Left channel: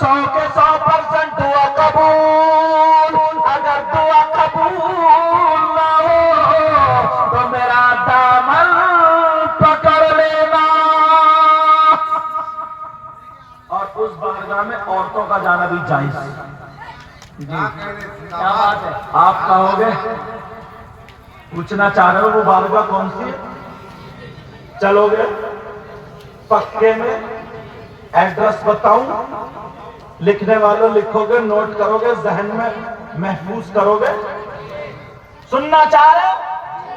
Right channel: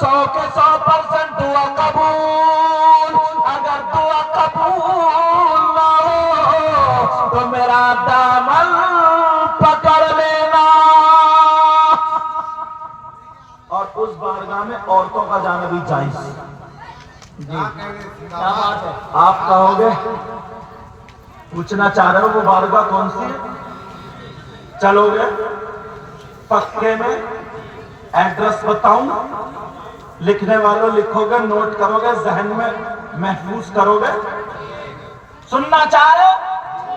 100% دعا قبول. اگر دعا قبول نہ ہو تو میرا دامن پکڑ لینا. اور اس بارگاہ میں عورتوں کا جانا بھی جائز. جی کیا بات ہے. آپ کہو گے پوچھنا چاہ رہے ہو وہ بارگاہ کون سی ہے؟ چلو گے پکے میں ایڈریس بتاؤں, لکھنے والوں لکھو گے, نوٹ کرو گے, ذہن میں محفوظ کرو گے. سننا چاہ رہے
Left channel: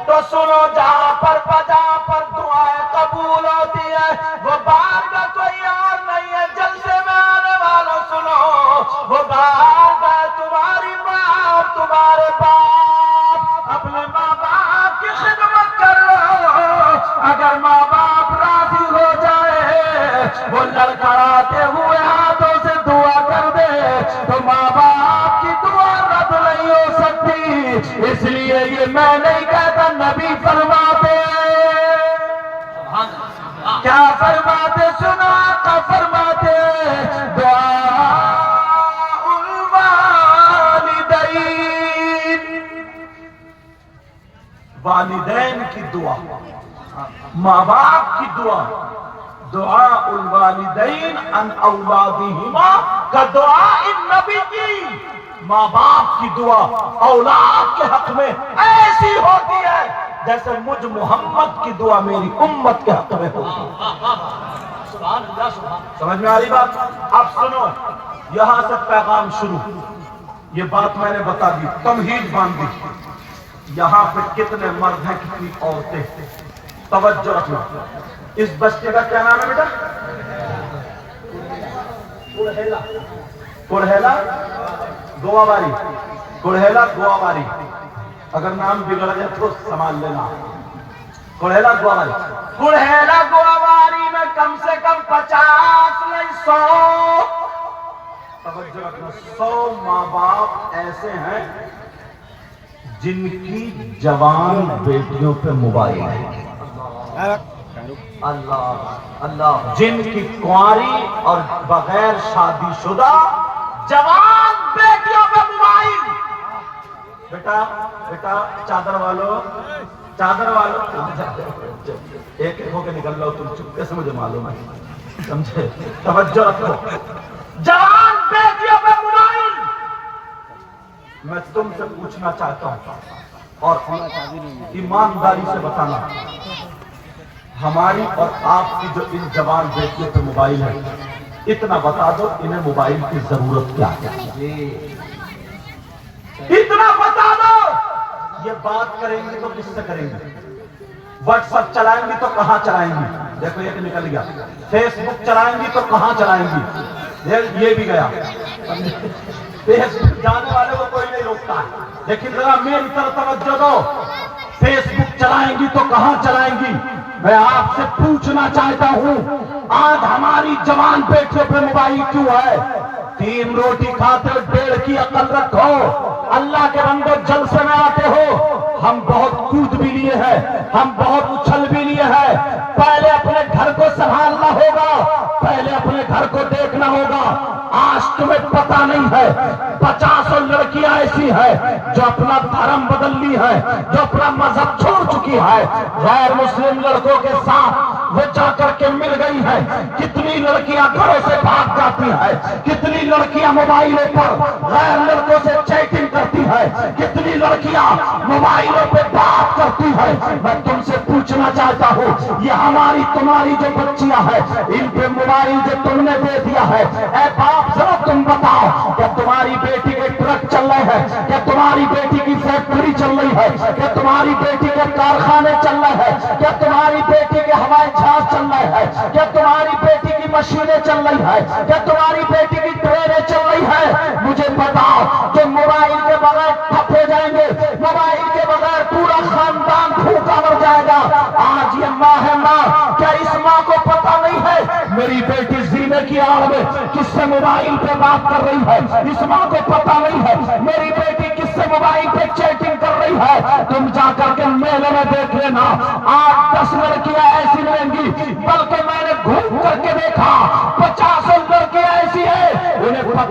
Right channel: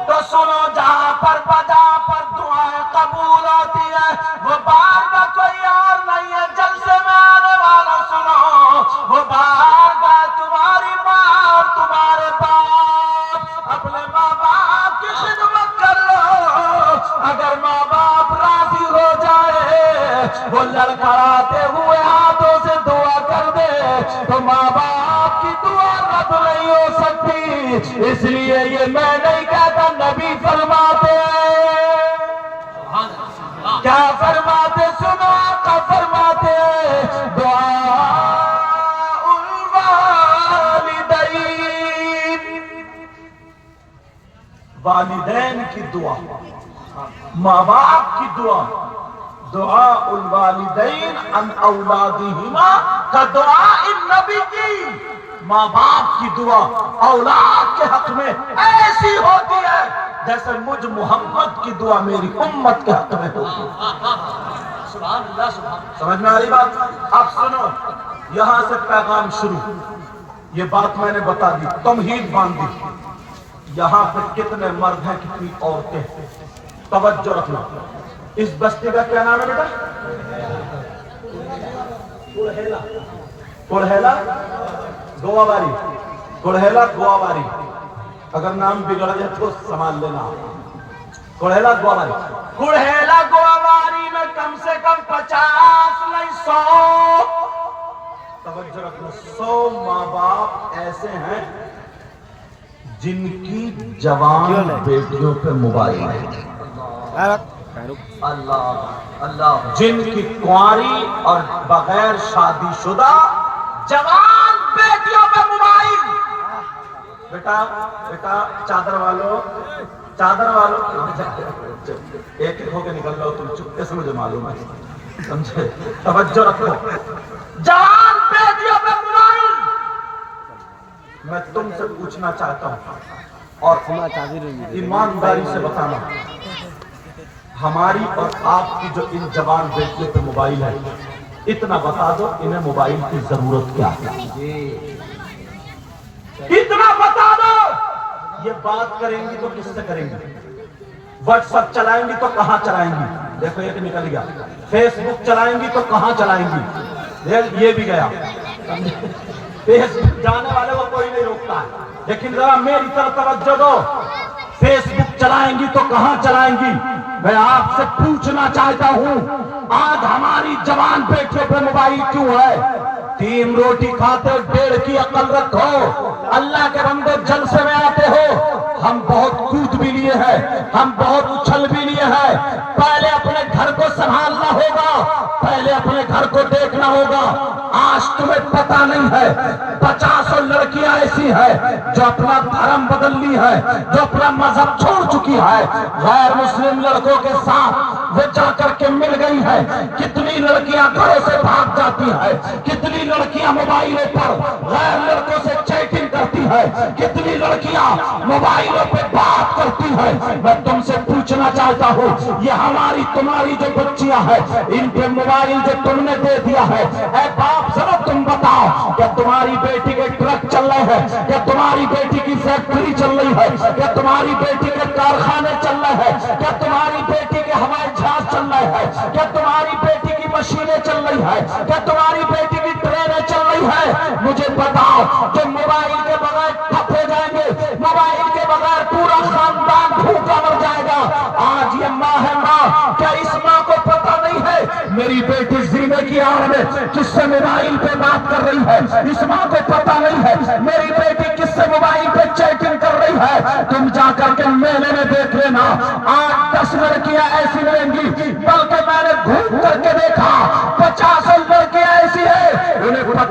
تو سنو. جہاں پر بجا پر دعائیں قبول ہوتی ہے وہ بارگاہ کوئی اور نہیں ہے. جلسے میں آنے والوں سنو, وہ بارگاہ تمہاری ماں اور تمہارے باپ. اپنے ماں باپ کی خدمت کر لو. اگر ماں باپ راضی ہو جائے, وہ لڑکڑاتے ہوئے ہاتھوں سے دعا کر دے, تو ماں باپ کی دعا رد نہیں ہو سکتی. اس لیے یہ میں نہیں کہتا, نبی فرماتے ہیں. کیا فرماتے سنو, آقا فرماتے ہیں دعاء الوالدین. والدین کی دعا, ماں باپ کی دعا. دعاء الوالدین عن اولادہما کا دعاء النبی کی. ماں باپ کی دعا اولاد کے حق میں ایسی ہوتی ہے جیسے مجھ محمد کی دعا میری امت کے حق میں ہوتی ہے. سمجھ میں آ رہی بات؟ اب سنو, یہاں سے پیغام شروع. یہ بات میں نے بتا دی, تمہید باندھ دی. یہاں پہ کتنے مرد ہیں, کتنی عورتیں. توجہ رکھنا. اس بستی کا کیا نام ہے بیٹا؟ کڑہیلا گواباری. کڑہیلا گواباری. اگر نام بگڑ جائے تو سنبھال لینا. کڑہیلا گواباری. کڑہیلا گواباری میں کم سے کم 50 نہیں 100, توجہ رکھنا, 100 ماں باپ ایسے ہیں جن کی جوان بیٹیوں پہ موبائل ہے. اللہ اللہ. جن کی کنواری اور بغیر شادی شدہ جوان بیٹیوں پہ موبائل. بیٹا بیٹا چادر والو, چادر والو, ایک ایک ہو کے نکل لو تم, چپکے سے مجھے معلوم ہے, سمجھے. توجہ رکھو. جوان بیٹیوں پہ موبائل. میں تم سے پوچھنا چاہتا ہوں اور ایمانداری سے بتانا, ہماری اور آپ کی جو ان جوان بیٹیوں پہ موبائل ہے, اتنا بتا دو انہیں موبائل کی ضرورت کیا ہے. اتنا بتا دو. یہ بات کریں گی تو کس سے کریں گی؟ واٹس ایپ چلائیں گی تو کہاں چلائیں گی؟ دیکھو ایک نکل گیا. فیس بک چلائیں گی تو کہاں چلائیں گی؟ یہ بھی گیا. فیس بک جانے والے کو کوئی نہیں روکتا, لیکن ذرا میری طرف توجہ دو. فیس بک چلائیں گی تو کہاں چلائیں گی؟ میں آپ سے پوچھنا چاہتا ہوں, آج ہماری جوان بیٹیوں پہ موبائل کیوں ہے؟ 3 روٹی کھاتے ہو, 1.5 کی عقل رکھو. اللہ کے بندے جلسے میں آتے ہو, ہم بہت کود بھی لیے ہیں, ہم بہت اچھل بھی لیے ہیں. پہلے اپنے گھر کو سنبھالنا ہوگا, پہلے اپنے گھر کو دیکھنا ہوگا. آج تمہیں پتہ نہیں ہے 50 لڑکیاں ایسی ہیں جو اپنا دھرم بدل لی ہے, جو اپنا مذہب چھوڑ چکی ہے, غیر مسلم لڑکوں کے ساتھ وہ جا کر کے مل گئی ہے. کتنی لڑکیاں گھروں سے بھاگ جاتی ہیں, کتنی لڑکیاں موبائلوں پر غیر لڑکوں سے چیٹنگ کرتی ہے, کتنی لڑکیاں موبائلوں پہ بات کرتی ہے. میں تم سے پوچھنا چاہتا ہوں, یہ ہماری تمہاری جو بچیاں ہیں ان پہ موبائل جو تم نے دے دیا ہے, اے باپ ذرا تم بتاؤ, کیا تمہاری بیٹی کے ٹرک چل رہے ہیں, کیا تمہاری بیٹی کی فیکٹری چل رہی ہے, کیا تمہاری بیٹی کے کارخانے چل رہے ہیں, کیا تمہاری بیٹی کے ہوائی جہاز چل رہے ہیں, کیا تمہاری بیٹی کی مشینیں چل رہی ہیں, کیا تمہاری بیٹی کی ٹرینیں چل رہی ہیں؟ مجھے بتاؤ کہ موبائل کے بغیر ٹھپ ہو جائیں گے, موبائل کے بغیر پورا خاندان بھوکا مر جائے گا. آج یہ ماں ہے ماں, کیا اس ماں کو پتہ نہیں ہے میری بیٹی زینے کی آڑ میں کس سے موبائل پہ بات کر رہی ہے؟ اس ماں کو پتہ نہیں ہے میری بیٹی کس سے موبائل پہ چیٹنگ کر رہی ہے. تم جا کر کے میلے میں دیکھ لینا, 8-10 لڑکیاں ایسی ملیں گی, بلکہ میں نے گھوم کر کے دیکھا 50 لڑکیاں ایسی ہیں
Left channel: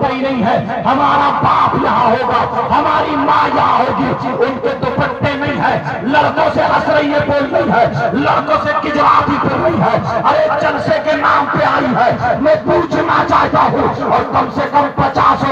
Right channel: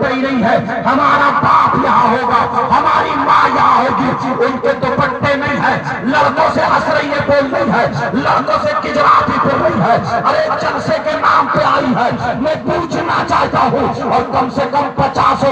پوچھتے ہی نہیں ہے ہمارا باپ یہاں ہوگا، ہماری ماں یہاں ہوگی، ان کے دوپٹے نہیں ہے، لڑکوں سے ہنس رہی ہے بول رہی ہے، لڑکوں سے گجرات ہی بول رہی ہے، ارے جلسے کے نام پہ آئی ہے۔ میں پوچھنا چاہتا ہوں، اور کم سے کم 50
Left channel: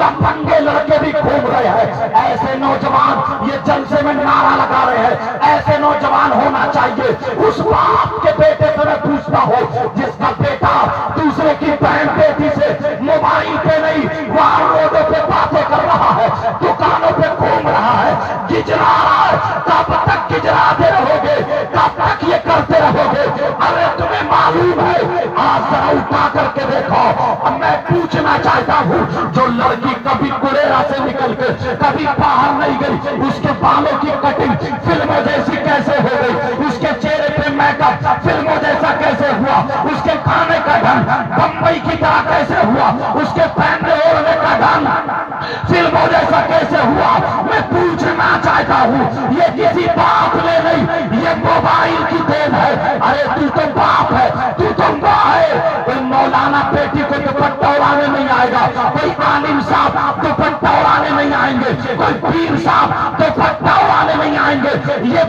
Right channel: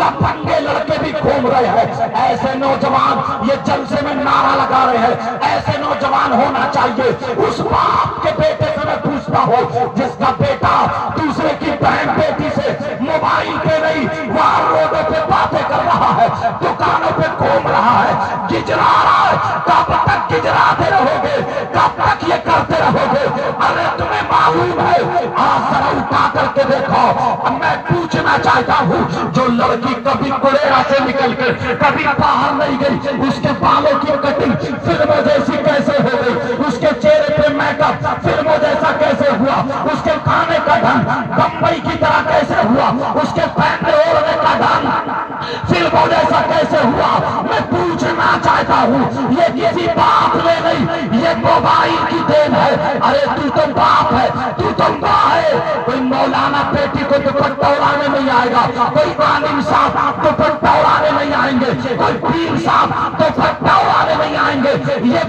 لفنگے لڑکے بھی گھوم رہے ہیں، ایسے نوجوان یہ جلسے میں نعرہ لگا رہے ہیں، ایسے نوجوان ہونا چاہیے۔ اس باپ کے بیٹے سے میں پوچھتا ہوں جس کا بیٹا دوسرے کی بہن بیٹی سے موبائل پہ نہیں وہاں روڈوں پہ باتیں کر رہا ہے، دکانوں پہ گھوم رہا ہے، گجرا رہا ہے، کب تک گجراتے رہو گے، کب تک یہ کرتے رہو گے؟ ارے تمہیں معلوم ہے، آج ذرا اٹھا کر کے دیکھو۔ اب میں پوچھنا چاہتا ہوں، جو لڑکی کبھی کوریرا سے نکل کے کبھی باہر نہیں گئی، اس کے بالوں کی کٹنگ فلموں جیسی کیسے ہو گئی؟ اس کے چہرے پہ میک اپ فلموں جیسا کیسے ہوا؟ اس کے کھانے کا ڈھنگ بمبئی کی طرح کیسے ہوا؟ اس کے پہننے اوڑھنے کا ڈھنگ فلموں جیسا کیسے ہوا؟ میں پوچھنا چاہتا ہوں، یہ کسی باپ نے نہیں، یہ موبائل کی دین ہے۔ ارے تو باپ ہے، تو ماں ہے۔ کوئی مولانا بیٹی کو دوپٹہ اڑانے نہیں آئے گا، کوئی عالم صاحب دوپٹہ اڑانے نہیں آئیں گے، کوئی پیر صاحب دوپٹہ اڑانے نہیں آئیں گے۔ یہ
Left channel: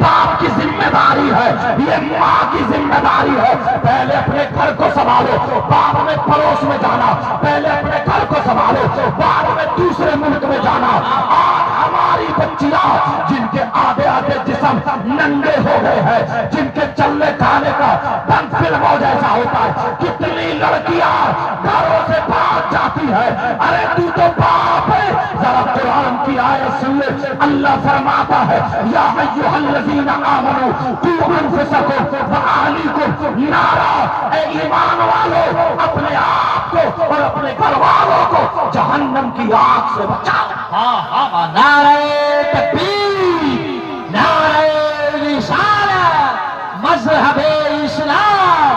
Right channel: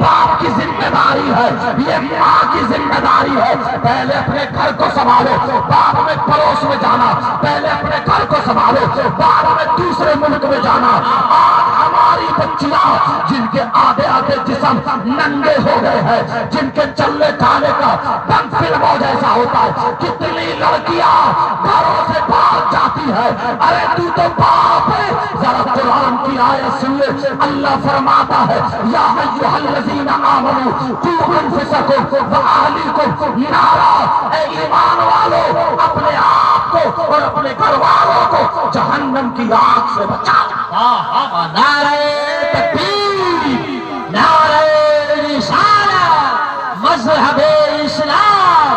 باپ کی ذمہ داری ہے، یہ ماں کی ذمہ داری ہے۔ پہلے اپنے گھر کو سنبھالو، بعد میں پڑوس میں جانا، پہلے اپنے گھر کو سنبھالو، بعد میں دوسرے ملک میں جانا۔ آج ہماری بچیاں جن کے آدھے آدھے جسم ننگے ہو گئے ہیں، جن کے چلنے کھانے کا ڈھنگ فلموں جیسا ہوتا ہے، کتنی لڑکیاں گھروں سے بھاگ جاتی ہے۔ ارے تو باپ ہے، ذرا قرآن کی آیت سن لے۔ اللہ فرماتا ہے یا ایھا الذین آمنوا قوا انفسکم واہلیکم نارا، اے ایمان والو اپنے آپ کو اور اپنے گھر والوں کو جہنم کی آگ سے بچاؤ۔ نعرہ تکبیر، نعرہ رسالت، مذہب اسلام،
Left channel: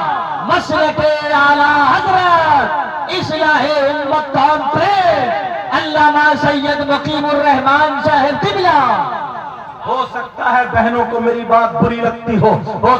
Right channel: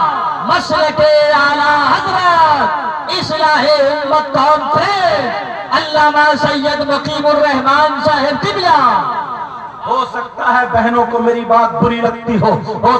مسلک اعلی حضرت، اصلاح امت کانفرنس، علامہ سید مقیم الرحمان صاحب قبلہ۔ ہو سکتا ہے بہنوں کو میری بات بری لگتی ہو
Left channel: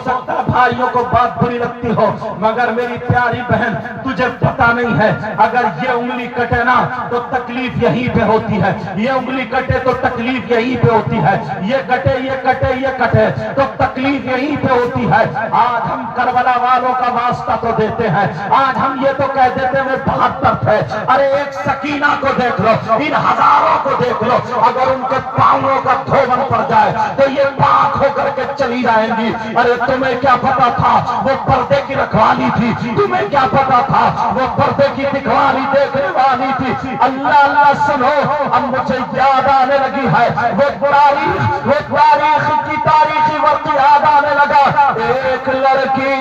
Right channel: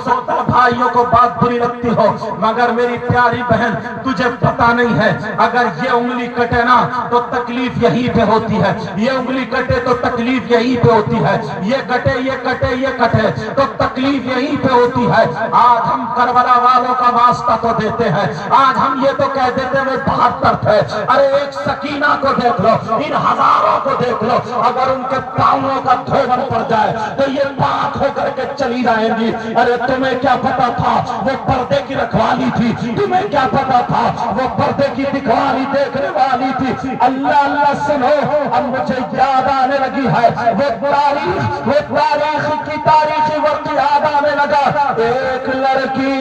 سکتا ہے بھائیوں کو بات بری لگتی ہو، مگر میری پیاری بہن تجھے پتا نہیں ہے، اگر یہ انگلی کٹے نا تو تکلیف یہیں پہ ہوتی ہے، یہ انگلی کٹے تو تکلیف یہیں پہ ہوتی ہے، یہ کٹے یہ کٹے یہ کٹے تو تکلیف یہیں پہ ہوتی ہے۔ آج ہم کربلا والوں کا واسطہ تو دیتے ہیں، آج ہم یہ تو کہہ دیتے ہیں 72 تھے، ارے ایک سکینہ کو دیکھ لو، ان ہزاروں کو دیکھ لو، اگر ان کے پاؤں کا دھون پڑ جائے تو یہ پاک ہو کر کے چلی جائیں گی۔ ارے تمہیں کیا پتا تھا وہ پردے کی رکھوالی تھی؟ تمہیں کیا پتا تھا وہ پردے کی دکھوالی دیکھنے والی تھی؟ اللہ اللہ سنو، اب مجھے یاد آنے لگی ہے وہ تاریخ کی تاریخی وقت یاد آنے لگا۔ ایک لڑکی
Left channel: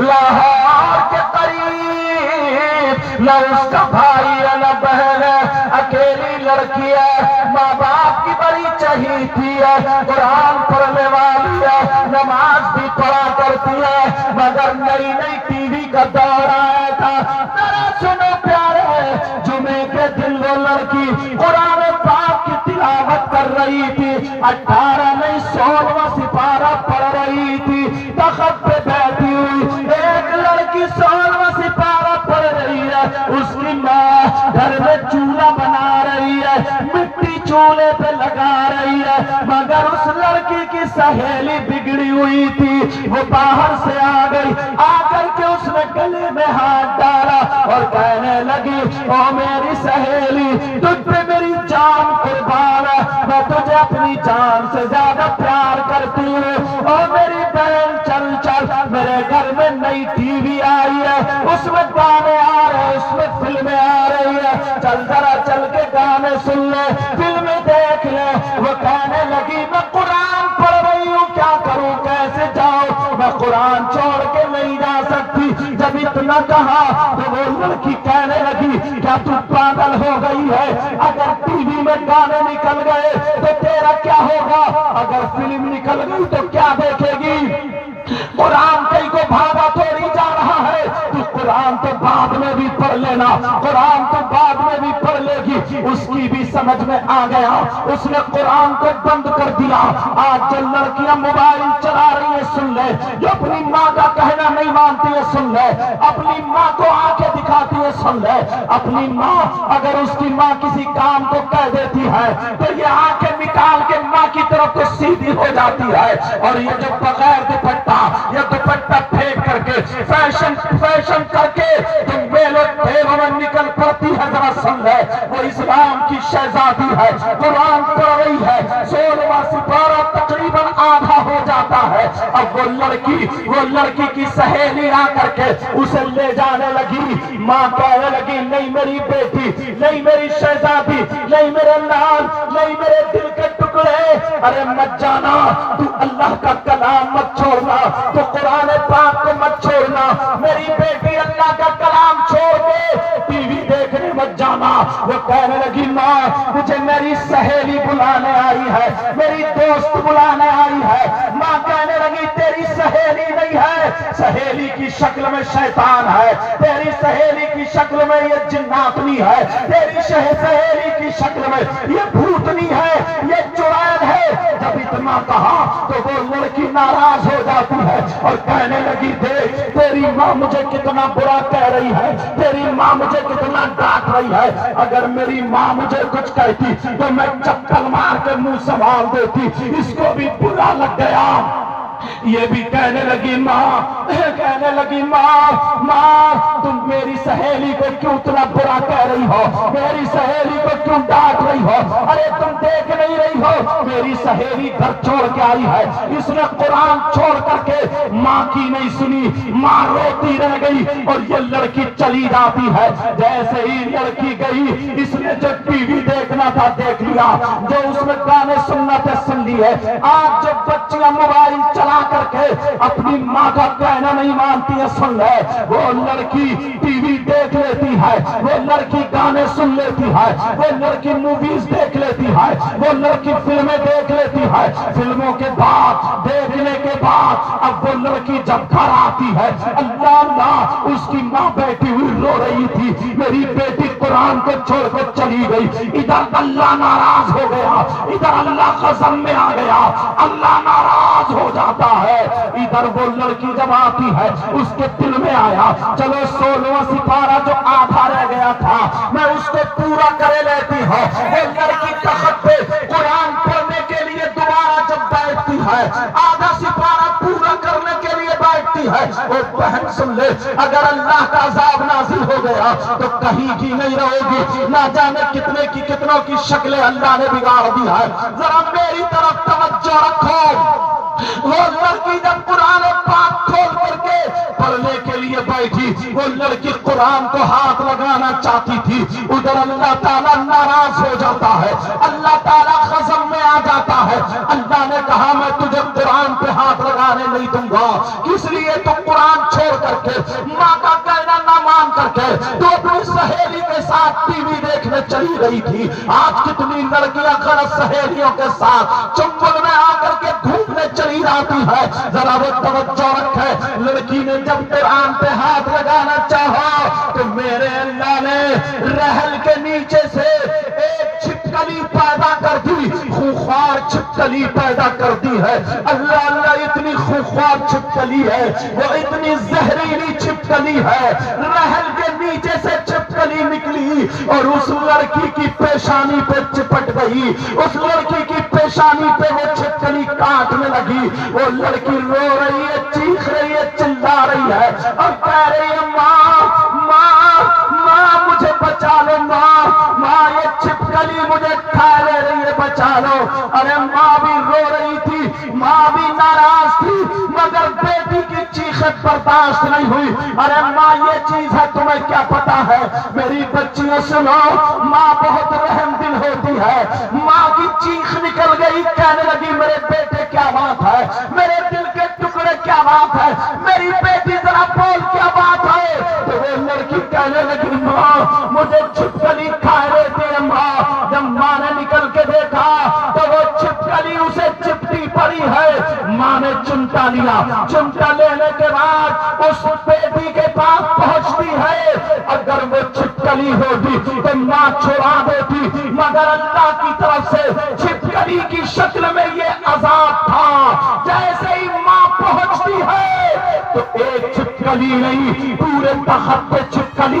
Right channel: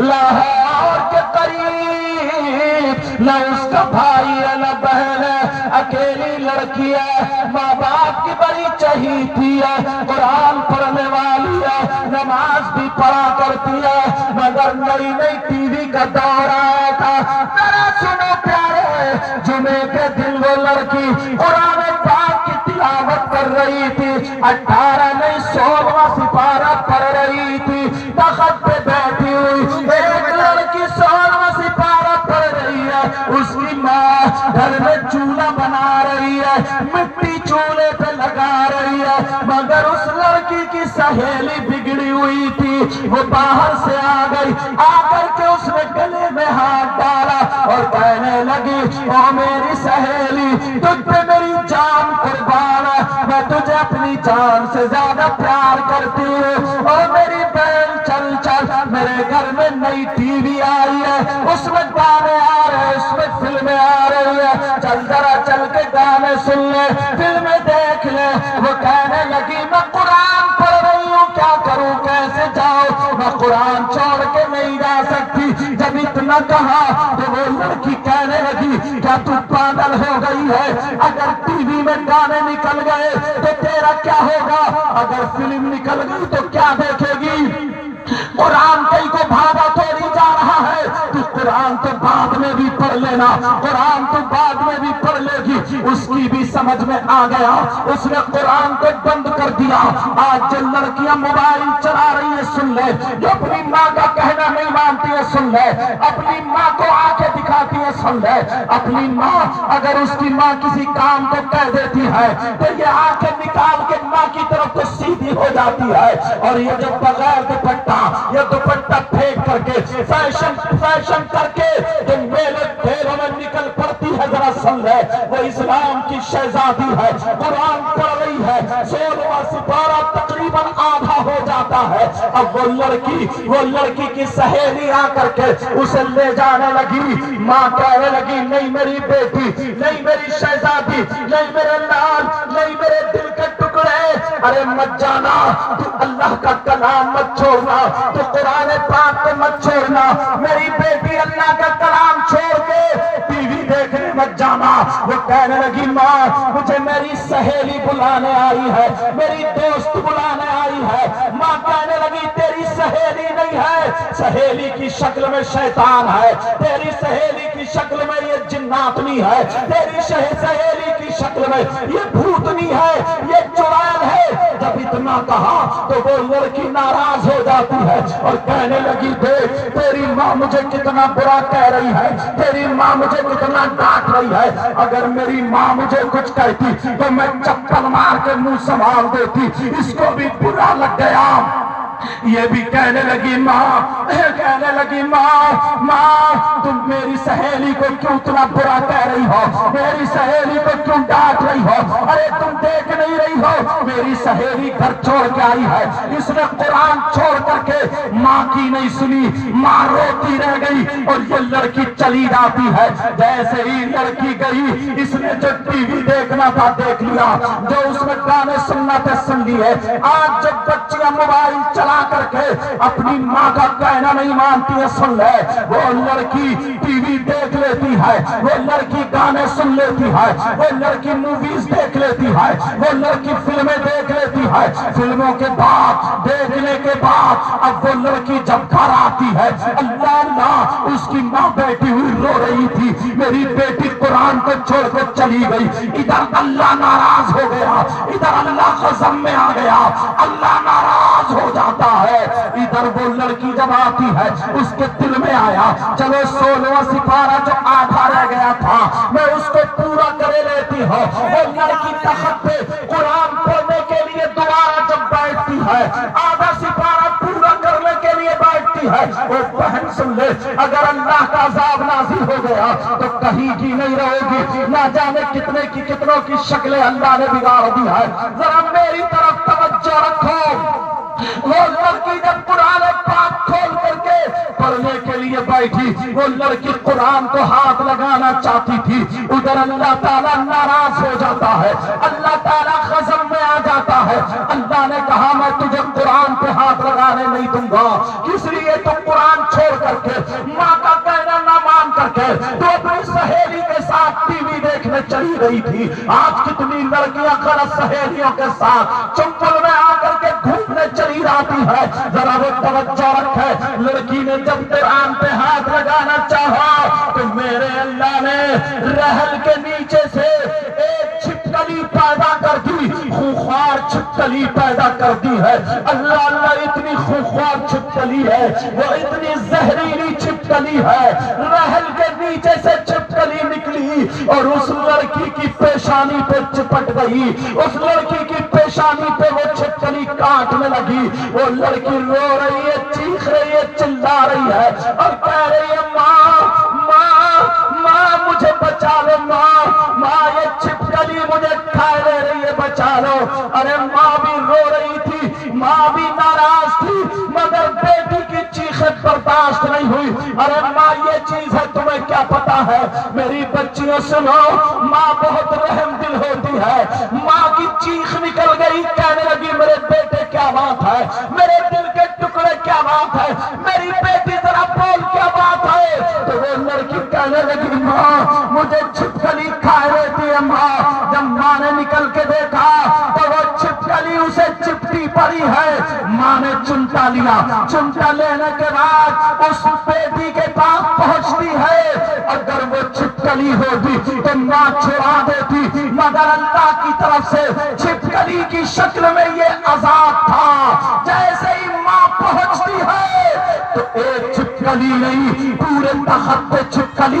لاہور کے قریب، نہ اس کا بھائی ہے نہ بہن ہے، اکیلی لڑکی ہے، ماں باپ کی بڑی چہیتی ہے، قرآن پڑھنے والی ہے، نماز بھی پڑھا کرتی ہے، مگر نئی نئی ٹی وی کا دور آیا تھا۔ ذرا سنو پیارے، جمعے کے دن وہ لڑکی قرآن پاک کی تلاوت کر رہی تھی، 18 نہیں 16واں سپارہ پڑھ رہی تھی، تخت پہ بیٹھی ہوئی ایک لڑکی 16واں سپارہ پڑھ رہی ہے، اس کی ماں گھر میں چولہا بنا رہی ہے، مٹی چولہے پہ لگا رہی ہے، مگر اس لڑکی کی سہیلی بگڑی ہوئی تھی، وہ باہر سے آ گئی، آ کر کے اس نے گلے میں ہاتھ ڈالا اور کہنے لگی او میری سہیلی، تجھ پہ میری جان قربان ہے، میں تجھے اپنی جان سے زیادہ پیار کرتی ہوں، او میری بہن چل چل، میرے گھر میں نئی ٹی وی آئی ہے، اس میں گانے آ رہے ہیں، اس میں فلمیں آ رہی ہے، چل ذرا چل کے گانے سن لے، فلمیں دیکھ لے۔ وہ کہنے لگی میں قرآن پڑھ رہی ہوں، کیا کروں کیسے جاؤں، میں قرآن چھوڑ کے نہیں جا سکتی۔ جب اتنا کہا تو وہ لڑکی کہنے لگی کیا تو پاگل ہو گئی ہے؟ اگر ٹی وی میں گانے نکل گئے تو تیرا کیا ہوگا؟ اگر فلم نکل گئی تو کیا دیکھے گی؟ قرآن کئی کو بھاگا تھوڑی جا رہا ہے، تو قرآن تو بعد میں بھی پڑھ لینا، قرآن تو بعد میں بھی پڑھ لے گی۔ اس کی بھی سمجھ میں آ گیا، اس نے قرآن کو بند کر دیا۔ آج جو لڑکیاں موبائل چلا رہی ہیں سن لے، جو اپنی ماں کا کہنا نہیں مانتی ہیں سن لے، اپنی ماں کو آنکھیں دکھاتی ہیں سن لے، اپنی ماں اگر اس کی ماں کسی کام کو کہہ دیتی ہے تو یہ آنکھیں نکال کے ماں کی طرف تو سیدھی ہو جاتی ہے، اور یہ جو بغیر دوپٹہ، یہ دوپٹہ پھینک کر کے فیشن کر کے جو میلوں ٹھیلوں میں نکل پڑتی ہے، ذرا سن لے، وہ اسلام کی شہزادی ہے، قرآن پڑھ رہی ہے، 16واں سپارہ تقریباً آدھا ہو جاتا ہے، اب وہ لڑکی کی سہیلی آ کر کے اسے لے جانے لگی، ماں کہنے لگی نہیں میری بیٹی، نہیں میری شہزادی، نہیں میرے لال، نہیں میرے دل کے ٹکڑے، ارے مت جانا، تو اللہ کا کلام مت چھوڑنا، تو قرآن پاک کو مت چھوڑنا، میری بیٹی اللہ کا کلام چھوڑ کے ٹی وی دیکھنے مت جانا۔ وہ کہنے لگی ماں مجھے میری سہیلی بلانے آئی ہے، میری دوست بلانے آئی ہے۔ ماں کہنے لگی تیری سہیلی نہیں ہے، سہیلی کی شکل میں شیطان ہے، تیری سہیلی کی شکل میں یہ جناتنی ہے، تیری سہیلی کی شکل میں یہ بھوتنی ہے، یہ چڑیل ہے۔ جب اتنا کہا تو وہ لڑکی ناراض ہو جاتی ہے اور کہنے لگی دیکھ تیری ماں مجھے کتنا برا کہہ رہی ہے، تیری ماں مجھے کتنا ڈانٹ رہی ہے، اگر میری ماں مجھے کچھ کہتی تو میں چپل مار کے منہ سنبھال دیتی، اس کو بھی برا لگ گیا۔ یہ بھی کہنے لگی ماں تم میری سہیلی کو کیوں اتنا برا کہہ رہی ہو، میری سہیلی کو کیوں ڈانٹ رہی ہو، ارے تم دیکھ نہیں رہی ہو میری سہیلی گھر چھوڑ کے آئی ہے، اس نے قرآن چھوڑ کر کے ماں کی نہیں سنی، ماں روتی رہ گئی اور یہ لڑکی چلی جاتی ہے۔ جیسے ہی لڑکی گئی اس نے جو ٹی وی دیکھنا تھا دیکھ لیا، جو اس میں گانے سننا تھے سن لیے۔ آج جب بچیاں موبائل چلا کر کے اپنی ماں کا کہنا نہیں مانتی ہے، سن لے وہ لڑکی ٹی وی دیکھ لیتی ہے، وہ لڑکی گانے سن لیتی ہے، وہ لڑکی موویز دیکھ لیتی ہے، وہ لڑکی فلمیں دیکھ لیتی ہے، فلموں کے بعد دیکھنے کے بعد اب وہ لڑکی جب گھر آتی ہے اللہ اس کی ماں بیٹھی ہوئی رو رہی تھی، میری بیٹی قرآن کو چھوڑ کے چلی گئی، ادھر اللہ ناراض ہو گیا، ادھر اللہ غضب میں آ گیا، اللہ ناراض ہو جاتا ہے۔ ادھر وہ لڑکی جب آتی ہے اس کے دل میں آیا چلو 16واں سپارہ جو آدھا رہ گیا تھا میں اس کو پورا کرے لیتی ہوں۔ وہ لڑکی تخت پہ قرآن پڑھنے کے لیے دوبارہ جب بیٹھتی ہے، آدھا سپارہ پورا کرنے کے لیے بیٹھتی ہے، وہ بہن سن لے اگر اللہ کا عذاب نازل ہو گیا تو کہیں کی نہیں رہے گی، نہ جانے کتنوں کی شکلیں اللہ نے بگاڑ دی ہے۔ ذرا میری طرف توجہ رکھو، وہ لڑکی جب قرآن پاک کھول کر کے پڑھنے کے لیے بیٹھی، وہ لڑکی قرآن کو ہاتھ لگانا چاہتی تھی، ادھر اللہ تعالیٰ ناراض ہو جاتا ہے، اللہ تعالیٰ غضب میں آ جاتا ہے۔ اللہ نے کہا میں تجھے قرآن پہ ہاتھ لگانے نہیں دوں گا، کس لیے تو قرآن چھوڑ کر کے ماں کا کہنا نہ مان کر کے تو اپنی سہیلی کے ساتھ ٹی وی دیکھنے چلی رہی تھی۔ آج کتنی لڑکیاں غلط سہیلیوں کے ساتھ چنبل میں آ کر کے گھومنے چلی جاتی ہے، ذرا وہ توجہ رکھے۔ لڑکی نے جب قرآن پہ ہاتھ لگانا چاہا تو میرے اللہ نے رحل کے نیچے سے ایک چھپکلی پیدا کر دی، خوخوار چھپکلی پیدا کر دی ہے۔ اللہ اللہ اتنی خوخوار چھپکلی ہے، وہ اتنی زہریلی چھپکلی ہے، رحل کے نیچے سے چھپکلی نکلی اور اس لڑکی کی پیشانی پہ چپٹ گئی، اس لڑکی کی پیشانی پہ وہ چھپکلی کاٹنے لگی، وہ لڑکی رو رہی ہے، چیخ رہی ہے، چلا رہی ہے اور کہہ رہی ہے ماں مجھے بچا لو، ماں یہ چھپکلی مجھے کھا لے رہی ہے، بچا لو۔ ارے ماں بھی رو رہی تھی، ماں بھی ناراض تھی، مگر بیٹی کی چیخیں برداشت نہیں ہوئی۔ ارے ماں یہ چیز ہے تمہیں کیا پتا ہے؟ میری بچیوں سنو، ماں بہت رحم دل ہوتی ہے۔ ماں کی چیخ نکل گئی، کہنے لگی میرے بیٹے کیا بات ہے، میرے دل کے ٹکڑے کیا بات ہے، میری بیٹی ذرا بول کیا بات ہے؟ تو وہ لڑکی کہنے لگی ماں مجھے چھپکلی کھائے رہتی ہے ماں۔ جب ماں نے نکل کے دیکھا تو وہ چھپکلی اسے چپٹی پڑی ہے۔ ماں نے چمٹا لیا، چمٹا لینے کے بعد اس بیٹی کے پاس پہنچتی ہے، اگر وہ چھپکلی ہوتی تو ماں چھڑا دیتی، مگر اللہ کی طرف سے چھپکلی کی شکل میں یہ عذاب تھا۔ جیسے ہی ماں پہنچتی ہے تو ایک چھپکلی نہیں، پورے تخت پہ چھپکلی